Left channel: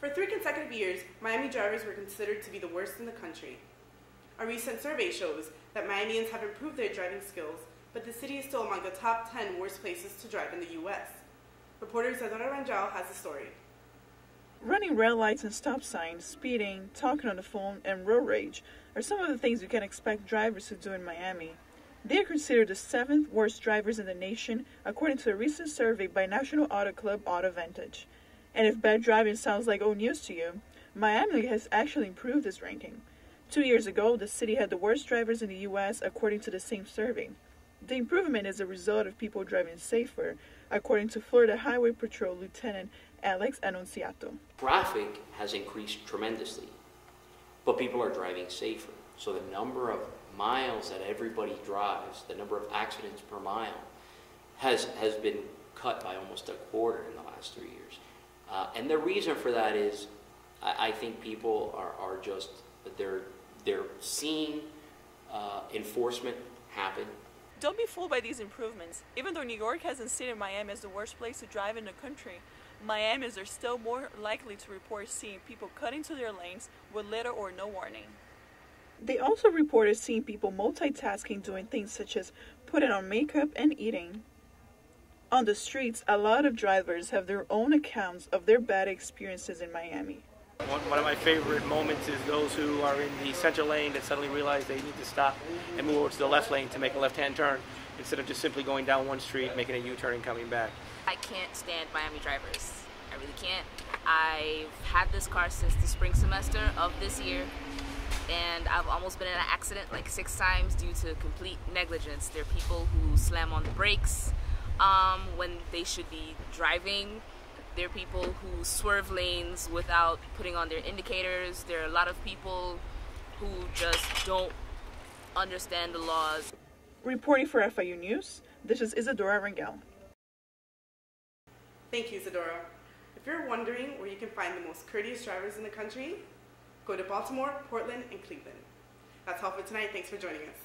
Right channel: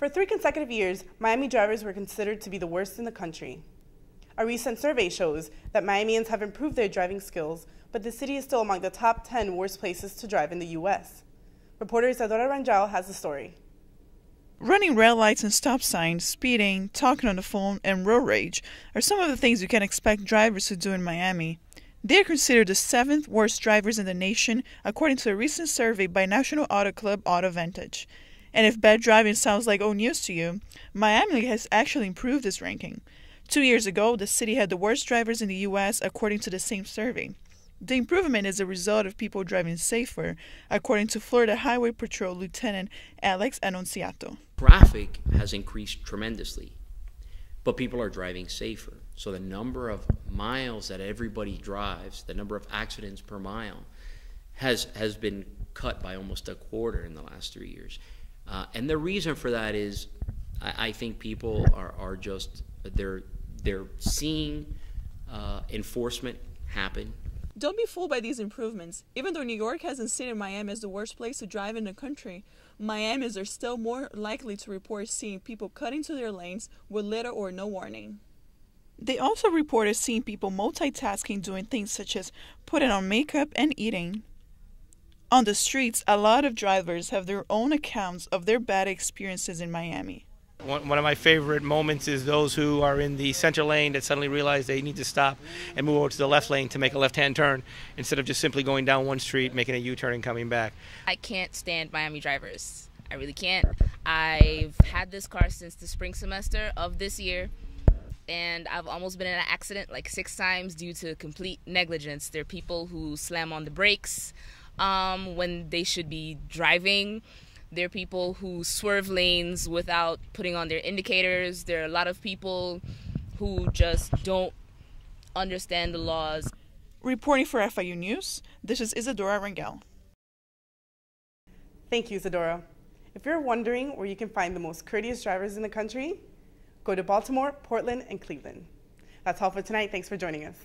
For 3 consecutive years, Miami drivers were considered to be the worst in the country. A recent survey shows that Miamians have improved their driving skills, but the city is still among the top 10 worst places to drive in the U.S. Reporter Isadora Rangel has the story. Running red lights and stop signs, speeding, talking on the phone, and road rage are some of the things you can expect drivers to do in Miami. They are considered the 7th worst drivers in the nation, according to a recent survey by National Auto Club Auto Vantage. And if bad driving sounds like old news to you, Miami has actually improved this ranking. 2 years ago, the city had the worst drivers in the U.S., according to the same survey. The improvement is a result of people driving safer, according to Florida Highway Patrol Lieutenant Alex Annunziato. Traffic has increased tremendously, but people are driving safer. So the number of miles that everybody drives, the number of accidents per mile, has been cut by almost a quarter in the last 3 years. And the reason for that is, I think people are just, they're seeing enforcement happen. Don't be fooled by these improvements. Even though New York hasn't cited Miami as the worst place to drive in the country, Miamians are still more likely to report seeing people cut into their lanes with little or no warning. They also reported seeing people multitasking, doing things such as putting on makeup and eating. On the streets, a lot of drivers have their own accounts of their bad experiences in Miami. One of my favorite moments is those who are in the center lane that suddenly realize they need to stop and move over to the left lane to make a left-hand turn instead of just simply going down one street, making a U-turn and coming back. I can't stand Miami drivers. I really can't. I've had this car since the spring semester of this year, and I've almost been in an accident like 6 times due to complete negligence. There are people who slam on the brakes when they should be driving. There are people who swerve lanes without putting on their indicators. There are a lot of people who just don't understand the laws. Reporting for FIU News, this is Isadora Rangel. Thank you, Isadora. If you're wondering where you can find the most courteous drivers in the country, go to Baltimore, Portland, and Cleveland. That's all for tonight. Thanks for joining us.